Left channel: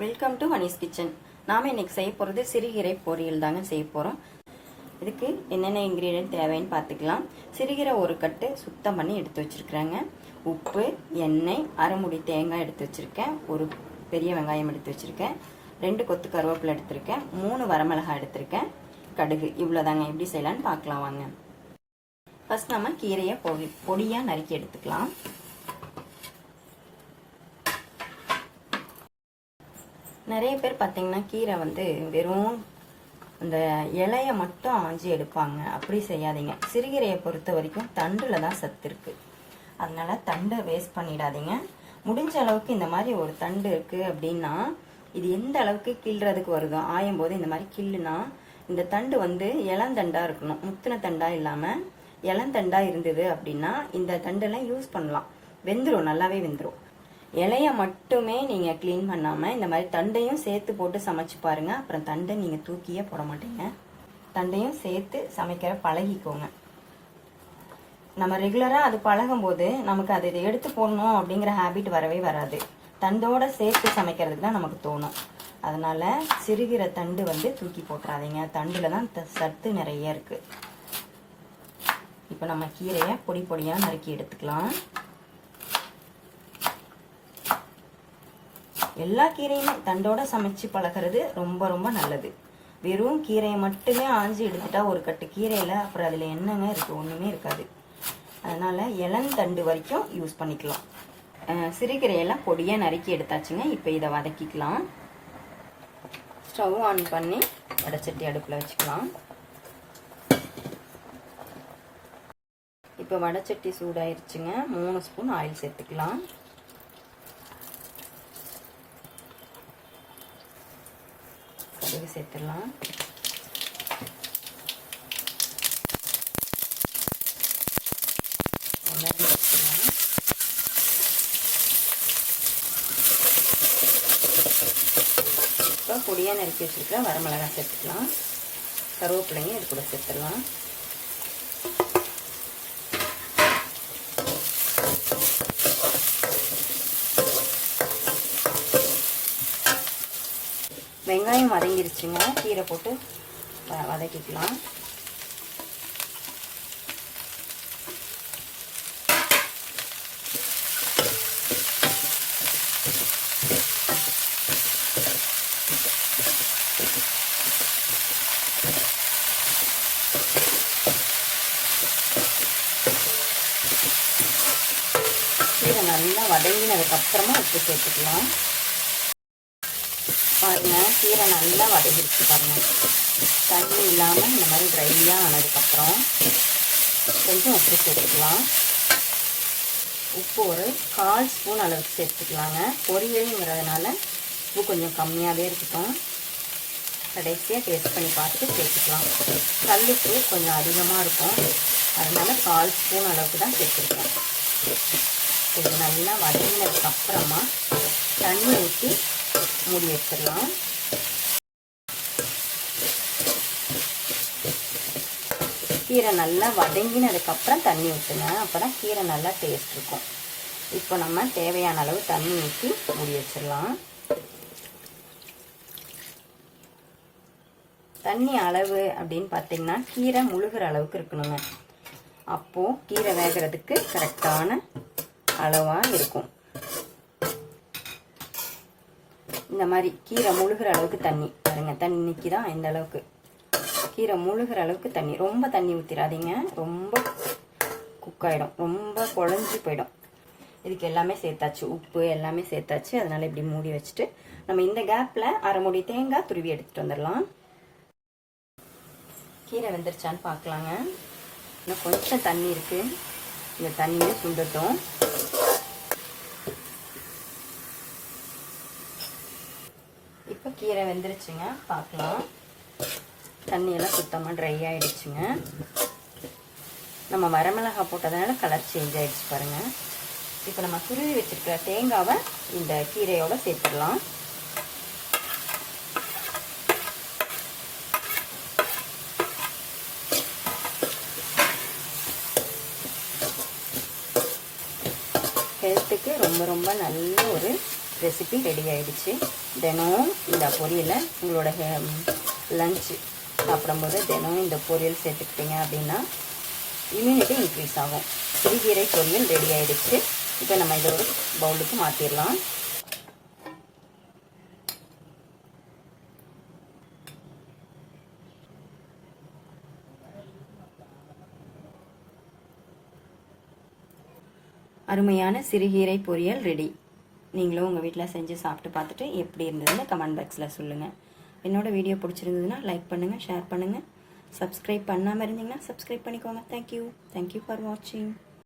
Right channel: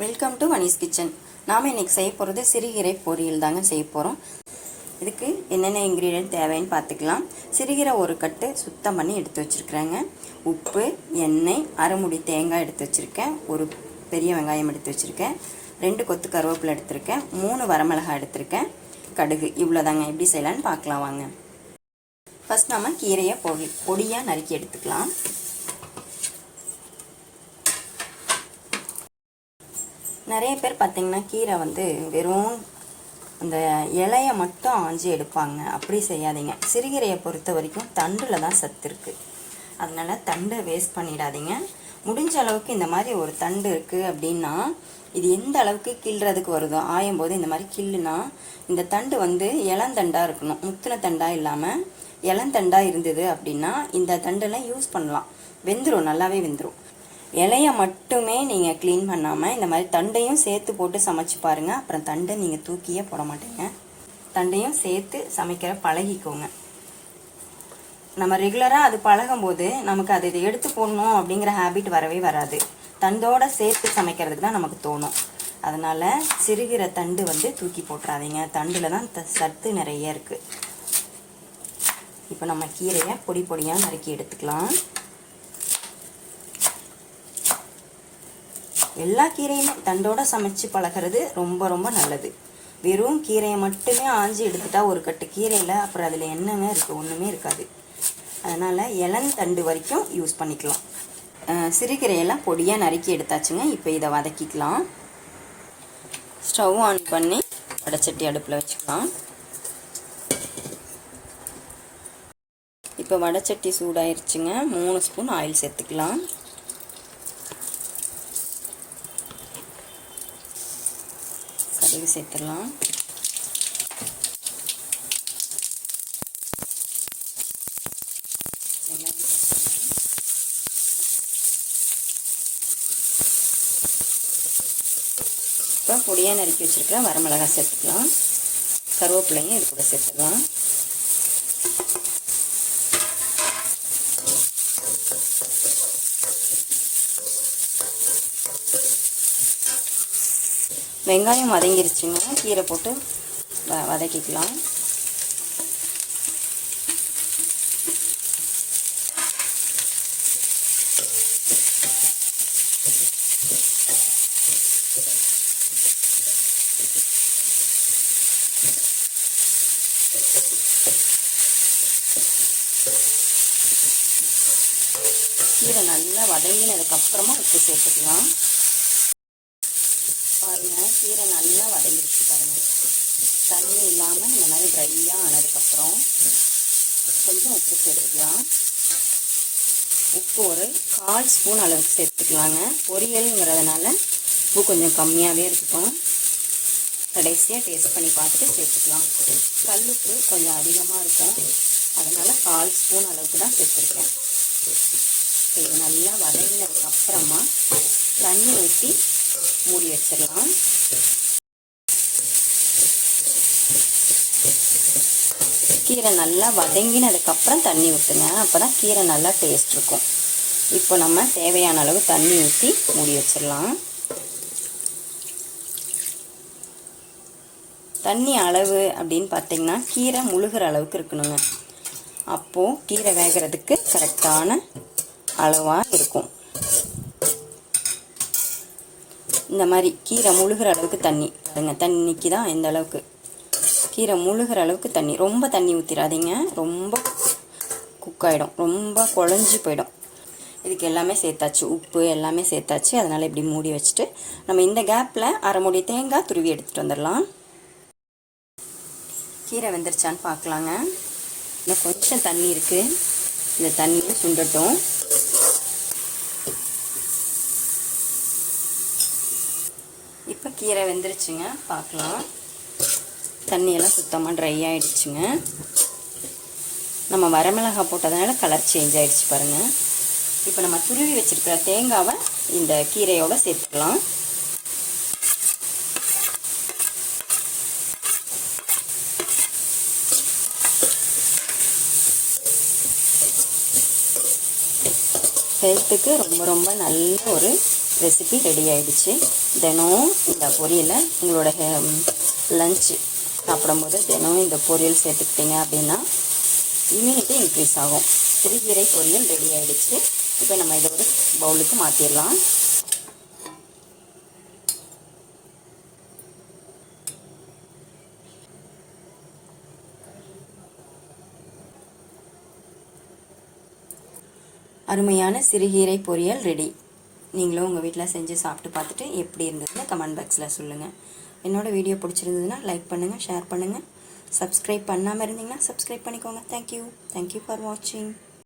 Welcome to Vani's kitchen. நாம் இன்றைக்கி செய்ய போகிறது சிறுகீரை பொரியல் தாங்க செய்ய போகிறோம். இதுக்கு என்னென்ன இன்க்ரீடியன்ட் தேவைன்னு பார்த்துக்கலாம். சிறுகீரை ஒரு கட்டு சுத்தம் பண்ணி எடுத்து வச்சுருக்குறேங்க. உப்பு, எண்ணெய், அரைமுடி தேங்காய் எடுத்து வச்சுருக்கேன். ஒரு பெரிய வெங்காயம் எடுத்து வச்சுருக்கேன். 2 கொத்து கருவேப்பிலை எடுத்திருக்கேன். 3 வரமிளகாய் எடுத்திருக்கேன். கடுகு. இவ்வளோதாங்க. எப்படி செய்யலான்னு பார்க்கலாம் வாங்க. ஃபஸ்ட் நம்ம கீரையை பொடியாக நறுக்கி எடுத்துக்கலாம். நிறைய பேர் பார்த்திங்கன்னா கீரை வெறும் அந்த இலையை மட்டும் ஆஞ்சி எடுப்பாங்க. அப்படி செய்யாதீங்க. சிறுகீரையை பொறுத்த வரைக்கும் தண்டில் தான் சத்து இருக்குது. அதனால் தண்டை வேஸ்ட் பண்ணிடாதீங்க. முடிஞ்ச அளவுக்கு இந்த மாதிரி ஒரு தண்டு இருக்குது அப்படின்னா இது எந்த அளவுக்கு கிள்றதுக்கு வருதோ ஆயும் போது இந்த மாதிரி கிள்ளுனா இந்த தண்டு இளந்தண்டாக இருக்கணும். முத்தின தண்டாக இல்லாமல் இளந்தண்டாக இருந்தது அப்படின்னா இந்த தண்டெல்லாம் யூஸ் பண்ணலாம். வெந்துடும், நல்லாவே வெந்துடும். இலையை மட்டுமே நீங்கள் க்ளீன் பண்ணாமல் இந்த மாதிரி தண்டையும் சேர்த்து போட்டு சமைச்சு பாருங்கள். அப்புறம் தண்டை நீங்கள் தூக்கியே போட மாட்டீங்க. தண்டையும் சேர்த்து சமைக்கிற பழகிக்கோங்க. நம்ம ரெகுலராக அது பழகும்போது நமக்கு அதை எடுத்து போடணும் அப்படிங்கிற ஹேபிட் வரவே வராது. தண்டோடு சேர்த்து சமைக்கிறதுக்கு தான் நமக்கு தோணும். அதனால் சிறுகீரை தண்டு தூக்கி போட்டுறாதீங்க. தண்டில் தான் சத்து நிறைய இருக்குது. இப்போ நம்ம கீரையை பொடி பொடியாக நறுக்கி எடுத்துக்கலாம். எல்லா கீரையுமே தண்டோட சமைச்சு பழகிறது ரொம்ப ரொம்ப நல்லது. வெறும் கீரையை மட்டுமே ஆஞ்சி எடுத்துட்டா ஒரு கட்டு கீரையில் அப்புறம் அதில் என்னங்க இருக்குது? ஒன்றுமே இருக்காது. அதனால் இளந்தண்டு வரைக்கும் யூஸ் பண்ணிக்கலாம். சிறுகீரையெல்லாம் பொடியாக நறுக்கி எடுத்தாச்சுங்க. இப்போ இதை வதக்கிக்கலாம். ஸ்டவ் ஆன் பண்ணி வடைச்சட்டி அடுப்பில் வச்சுக்கலாம். இப்போ வடைச்சட்டி சூடாயிருச்சுங்க. 3 ஸ்பூன் ஆயில் சேர்த்துக்கலாம். கடுகு சேர்த்துடலாம். இப்போ பொடியாக நறுக்கி வச்சுருக்க வரமிளகாய் சேர்த்துக்கலாம். கருவேப்பிலையும் இது கூட சேர்த்துடலாம். வெங்காயம் வதங்கிருச்சுங்க. கீரை போட்டு வதக்கிக்கலாம். கீரை நல்லா வதங்கினதுக்கப்புறமா உப்பு சேர்த்துக்கலாம். பாருங்கள், கீரை நல்லா வதங்கிருச்சு பாருங்கள். தண்ணி இல்லாமல் இந்த மாதிரி ட்ரையாக ஆனதுக்கப்புறம் கொஞ்சம் உப்பு சேர்த்துக்கலாம். உப்பு ஒரு 1/4 ஸ்பூன் அளவுக்கு சேர்த்துக்கலாங்க. பொரியலுங்கிறதுனால உப்பு கொஞ்சம் கம்மியாகவே இருக்கட்டும். கடைசியாக டேஸ்ட் பண்ணி பார்த்துட்டு சேர்த்துக்கலாம். கல்லுப்பு கொஞ்சம் அதிகமாக இருக்கும். அதனால் 1/4 ஸ்பூன் அளவுக்கு தான் சேர்த்துருக்கேன். இது நல்லா வதங்கினதுக்கப்புறமா தண்ணி ஊற்றி மூடி வச்சிடலாம். கீரை நல்லா வதங்கினதுக்கப்புறம் தண்ணி ஊற்றுங்க. அப்போ தான் கீரை நல்லா டேஸ்ட் இருக்கும். இப்போ நம்ம தேவையான அளவு தண்ணி ஊற்றி மூடி வச்சிடலாம். தண்ணி அளவு அப்படின்னு பார்த்தீங்கன்னா கீரை முழுகிற அளவுக்கு இருக்கணுங்க. அப்போது கீரை வேகிறதுக்கு கரெக்டான அளவாக இருக்கும். இந்த மாதிரி கீரை முழுகிற அளவுக்கு தண்ணி பாருங்க. தண்ணிக்கு தான் இந்த அளவுக்கு கீரை முழுகிற அளவுக்கு தண்ணி. ரொம்ப தண்ணி ஊற்றிடாதீங்க, ரொம்ப குக்காயிடும், ரொம்ப குழஞ்சி போயிடும். இதுக்கு எல்லாமே சேர்த்தாச்சு, உப்பு எல்லாமே சேர்த்தாச்சு. அதனால் இப்படி மூடி வச்சுட்டு நம்ம இந்த கேப்பில் அரைமுடி தேங்காய் துருவி எடுத்துகிட்டு வந்துடலாம். கீரை வெந்துருச்சான்னு பார்க்கலாங்க. இன்னும் கொஞ்சம் தண்ணி இருக்குது. இந்த தண்ணியில் சுண்டட்டும். இப்போ கீரை வெந்துருச்சுங்க, பார்க்கலாம். தண்ணியெல்லாம் சுத்தமாக ட்ரை ஆகிடுச்சுங்க. நம்ம வரமிளகாய் போட்டதுனால கலர் சேஞ்ச் ஆகிடுச்சு பாருங்கள். இப்போ நம்ம துருவி வச்சுருக்கிற தேங்காவை இந்த கீரையோடு சேர்த்துக்கலாம். ஹெல்த்துக்கு ரொம்ப ரொம்ப நல்ல ஒரு ரெசிபி ரெடி ஆகிடுச்சு. தினமும் இந்த பொரியலை உங்களோட லஞ்சு சாப்பிடும்போது தினமும் இந்த பொரியல் சேர்த்துக்கிட்டீங்க அப்படின்னா இம்யூனிட்டி இன்க்ரீஸ் ஆகும். சிறுகீரை பொரியல் ரெடி ஆகிடுச்சு. இப்போ நம்ம இதை ஒரு பவுலுக்கு மாற்றிடலாம். அருமையான சிறுகீரை பொரியல் ரெடி. நீங்களும் உங்கள் வீட்டில் செஞ்சு சாப்பிட்டு பார்த்துட்டு எப்படி இருந்ததுன்னு கமெண்ட் பாக்ஸில் சொல்லுங்கள். என்னோடய வீடியோ பிடிச்சிருந்ததுன்னா லைக் பண்ணுங்கள், ஷேர் பண்ணுங்கள். சப்ஸ்கிரைப் பண்ணாமல் இருந்தீங்கன்னா சப்ஸ்கிரைப் பண்ணிக்கோங்க. தேங்க்யூ ஃபார் வாட்சிங்.